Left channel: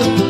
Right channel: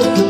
love.